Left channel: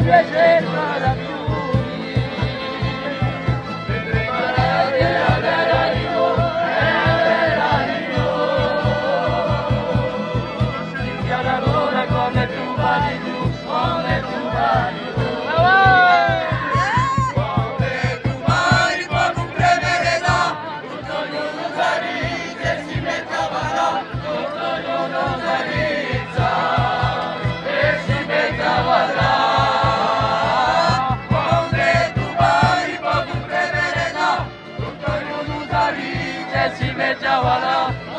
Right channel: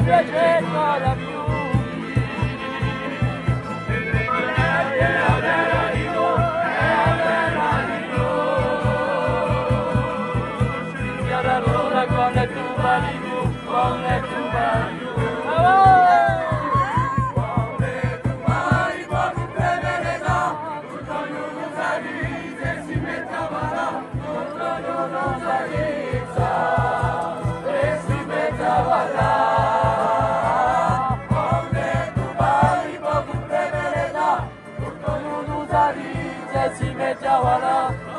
invece da fiumi. Sia lavora come tu vali tu, come tu vali tu. Come tu vali può comprendere da, tutto non usa ride, si mette a ballare, tutto non usa ride, e si mette a ballare. Come tu vali può comprendere da, tutto non usa ride, si mette a ballare.